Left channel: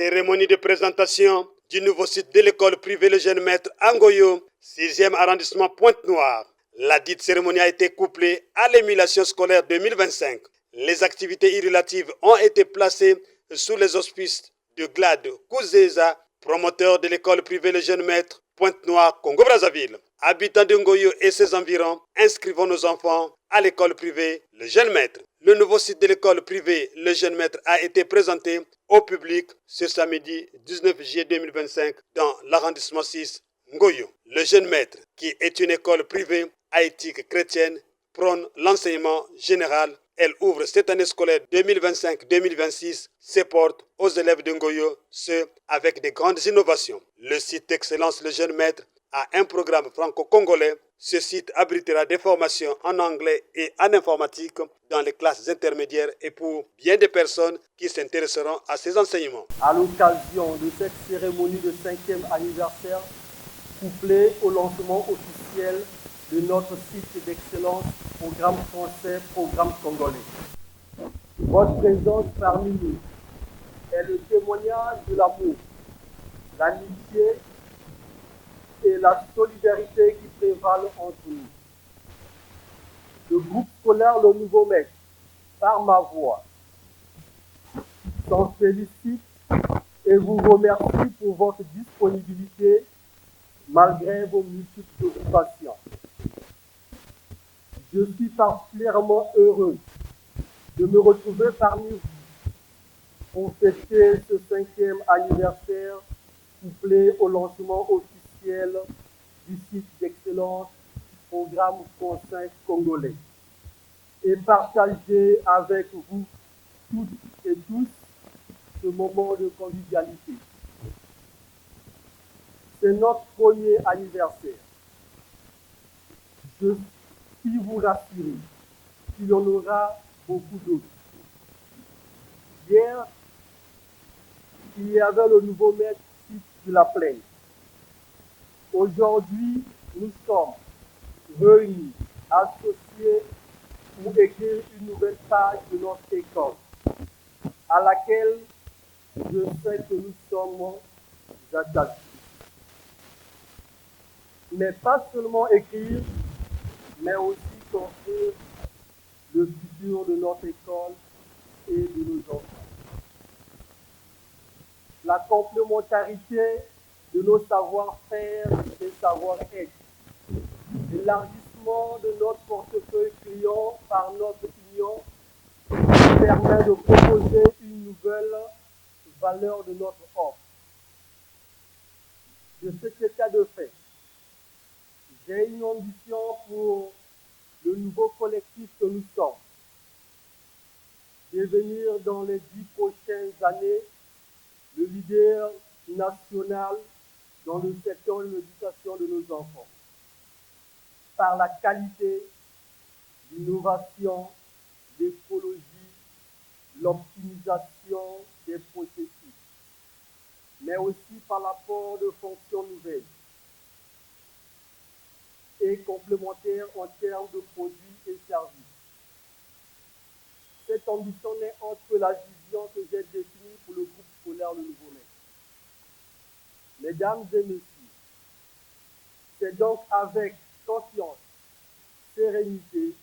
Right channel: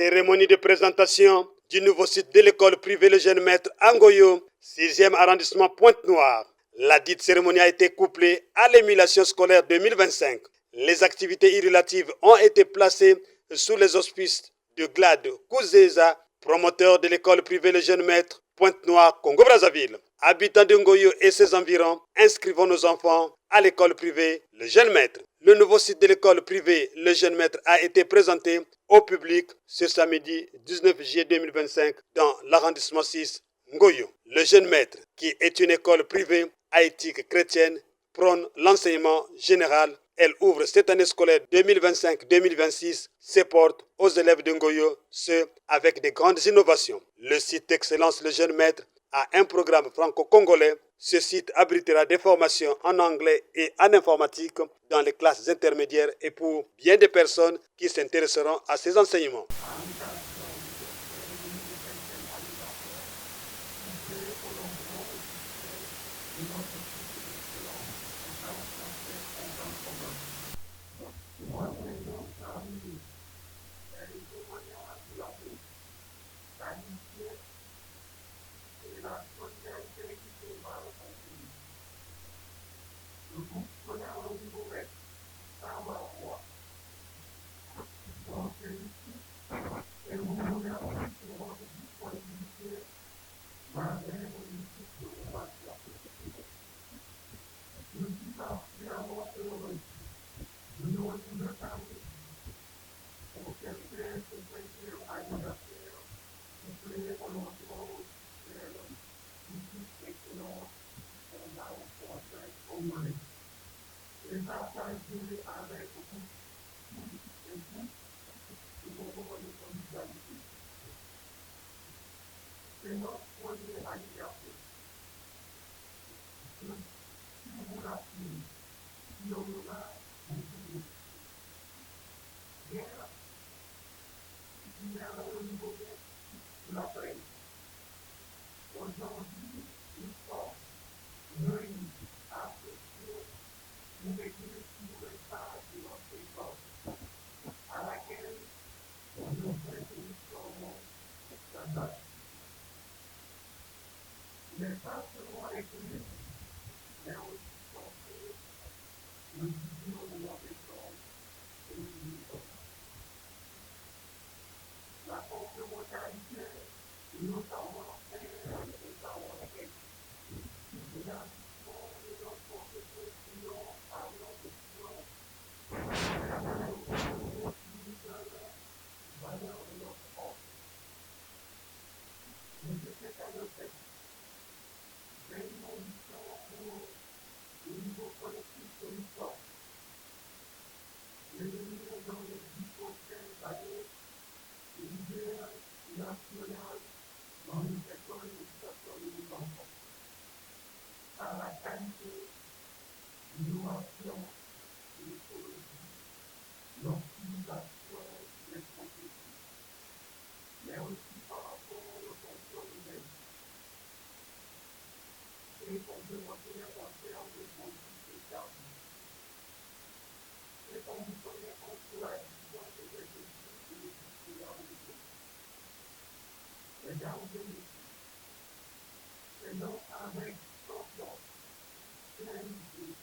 Cérémonie de présentation du nouveau site de l'école privée Le Jeune Maître à Ngoyo, 6e arrondissement Pointe-Noire. La dite cérémonie a été couplée à l'émulation scolaire 2025. Les activités irrelatives ont été placées sous les auspices de Glad Kouzeza, promoteur de l'école privée Le Jeune Maître Pointe-Noire, Congo-Brazzaville. Habitants de Ngoyo et ses environs, inscrivons nos enfants à l'école privée Le Jeune Maître. Le nouveau site de l'école privée Le Jeune Maître a été présenté au public ce samedi 19 juillet 2025 dans l'arrondissement 6 Ngoyo. Le Jeune Maître, qui est une école privée à éthique chrétienne, prône l'enseignement général. Elle ouvre cette année scolaire 2025-2026 ses portes aux élèves de Ngoyo, ce avec de grandes innovations. Le site d'excellence Le Jeune Maître a un programme franco-congolais. Ce site abritera des formations en anglais et en informatique dans les classes intermédiaires et pour bien des personnes qui s'intéresseront à ces enseignements. À l'occasion de cette cérémonie de 5e anniversaire, couplée au lancement officiel de notre site d'excellence, programme français, programme congolais. Votre présence parmi nous est le témoignage de l'amour, l'amitié et la solidarité qui prévalent entre nous. Le groupe scolaire Le Nouveau Maître, par ma voix, s'en félicite et vous remercie pour votre disponibilité malgré vos multiples occupations. Je suis particulièrement heureux de me retrouver parmi vous pour fêter ce 5e anniversaire couplé au lancement officiel du site d'excellence programme français congolais et partager avec vous toutes et tous ce moment de convivialité. C'est notre premier anniversaire. Je puis vous rassurer qu'il y en aura beaucoup d'autres. Hier, il y avait le nouveau maître de la plaine. Aujourd'hui, nous sommes réunis, associés pour écrire une nouvelle page de notre école, à laquelle je sais que nous sommes attachés. Mais pas seulement écrire, mais aussi construire le futur de notre école et de nos enfants. La complémentarité de nos savoir-faire et savoir-être, l'élargissement de notre portefeuille client par notre client permet de proposer une nouvelle valeur de notre offre. De cet état de fait, j'ai une ambition pour le nouveau collectif que nous sommes, devenir dans les 10 prochaines années le leader national dans le secteur de l'éducation de nos enfants, par la qualité, l'innovation, l'écologie, l'optimisation des processus, mais aussi par l'apport de fonctions nouvelles et complémentaires en termes de produits et services. Cette ambition est entre la vision que j'ai définie pour le groupe scolaire Le Nouveau Maître. Mesdames et messieurs, c'est donc avec confiance, sérénité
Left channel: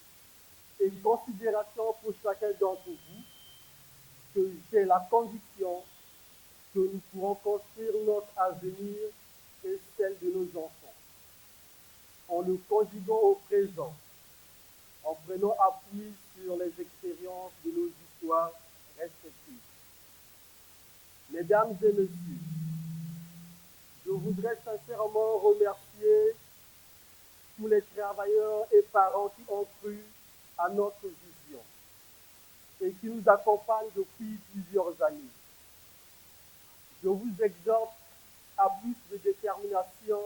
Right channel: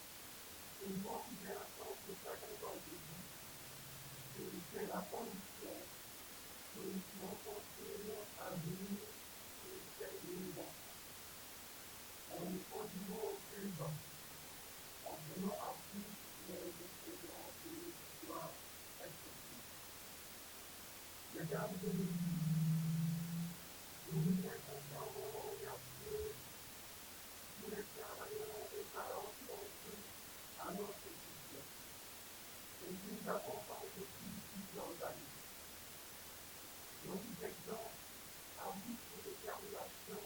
et une considération pour chacun d'entre vous que c'est la condition que nous pourrons construire notre avenir et celle de nos enfants. En nous conjuguant au présent, en prenant appui sur les expériences de nos histoires respectives. Mesdames et messieurs, je voudrais sincèrement remercier tous les travailleurs et parents qui ont cru à notre vision et qui nous accompagnent depuis plusieurs années. Je vous exhorte à plus de détermination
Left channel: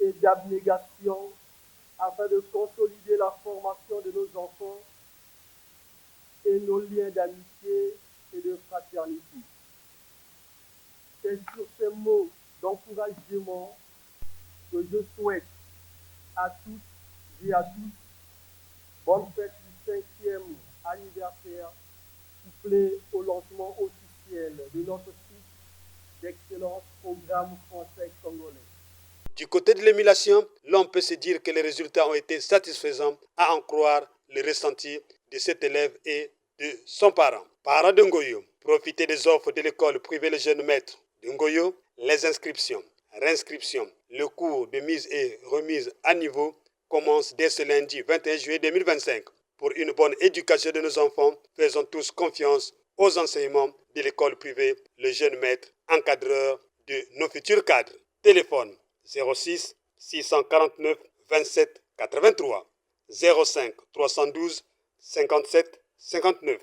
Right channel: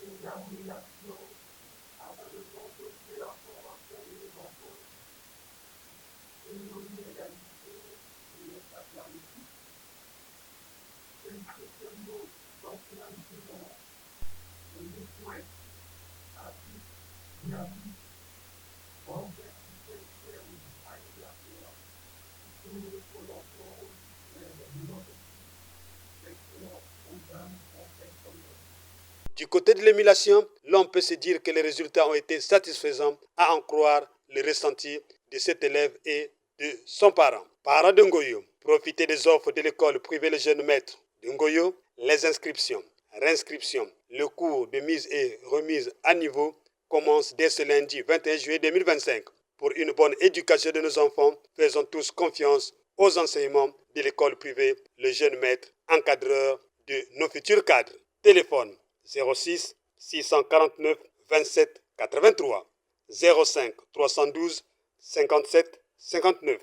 et d'abnégation afin de consolider la formation de nos enfants et nos liens d'amitié et de fraternité. C'est sur ces mots d'encouragement que je souhaite à tous et à tous bonne fête du 5e anniversaire couplé au lancement officiel de notre site d'excellents programmes français congolais. Du côté de l'émulation, l'on peut se dire que les résultats ont été satisfaisants, à en croire le ressenti de cet élève et de son parent. Parents de Ngoyo, profitez des offres de l'école privée Le Jeune Maître de Ngoyo, les inscriptions, réinscriptions, le cours de mise et remise à niveau commence dès ce lundi 21 juillet 2025. Pour une bonne éducation de nos enfants, faisons tous confiance aux enseignements de l'école privée Le Jeune Maître, encadreur de nos futurs cadres. Téléphone 06 649 27 83 05 312 57 59.